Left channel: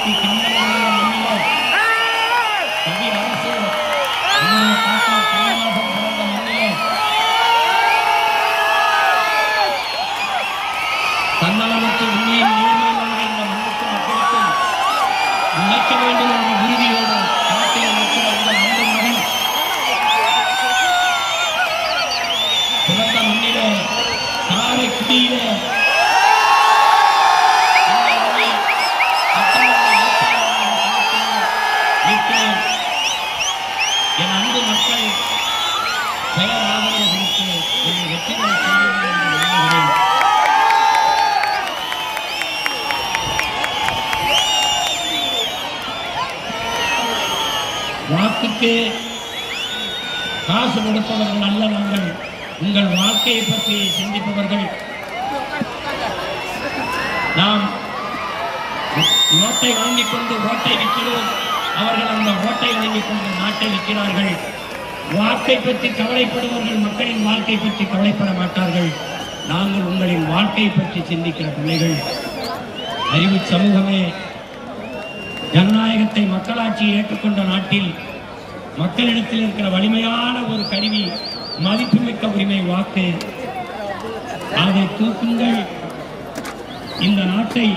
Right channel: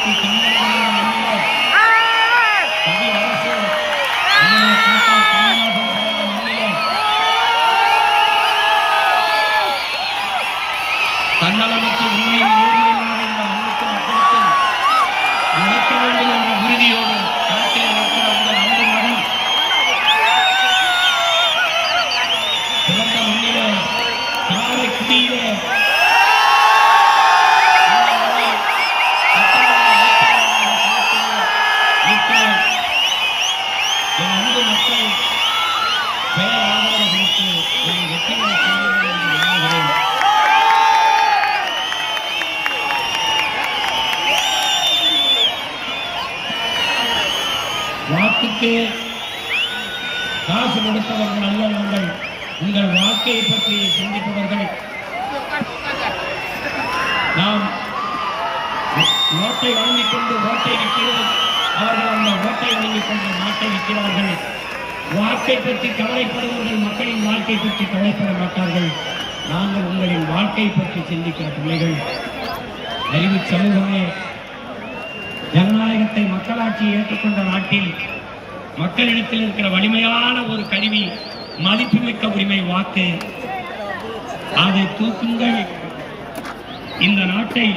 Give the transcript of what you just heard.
இன்னைக்கு கவி அரசு தன்னலமற்ற உண்மையில் மக்களுக்கும் நடக்க வேண்டும் என்ற உறுதியோடு நாட்டில் இருக்கிற உங்கள் அன்பு மகன் பிறந்த மண்ணிலே காரைக்குடியிலே என் அன்பு மக்கள் பெயர் ஆதரவுகளுக்கு வெற்றிகளை செய்ய என்று எண்ணுகிறேன். வாக்குக்கு காசு கொடுப்பவர்கள் அல்ல நாங்கள். உங்கள் வாழ்க்கையை பற்றி சிந்திப்பவர்கள். நாம் ஓட்டை வாங்கிக் கொண்டு ஓட்டை விற்கிறோம். அவர்கள் அந்த ஓட்டை வாங்கிக் கொண்டு நாட்டை விற்கிறார்கள். வாக்கை பற்றி கவலைப்படுபவர்கள் மக்களின் வாழ்க்கை பற்றி கவலைப்பட மாட்டார்கள். நாங்கள் உங்களின் வாழ்க்கை பற்றி சிந்திக்கிற பிள்ளைகள். அறிவு சமூகமே, ஜனநாயகத்தை மக்களாட்சியை ஏற்றுக்கொண்ட நாட்டில் மக்களிடத்தில் இருக்கிற வலிமையான ஒரு கருவி மதிப்புமிக்க உரிமை வாக்கு. அதை தூக்குங்கள். இந்த நாட்டை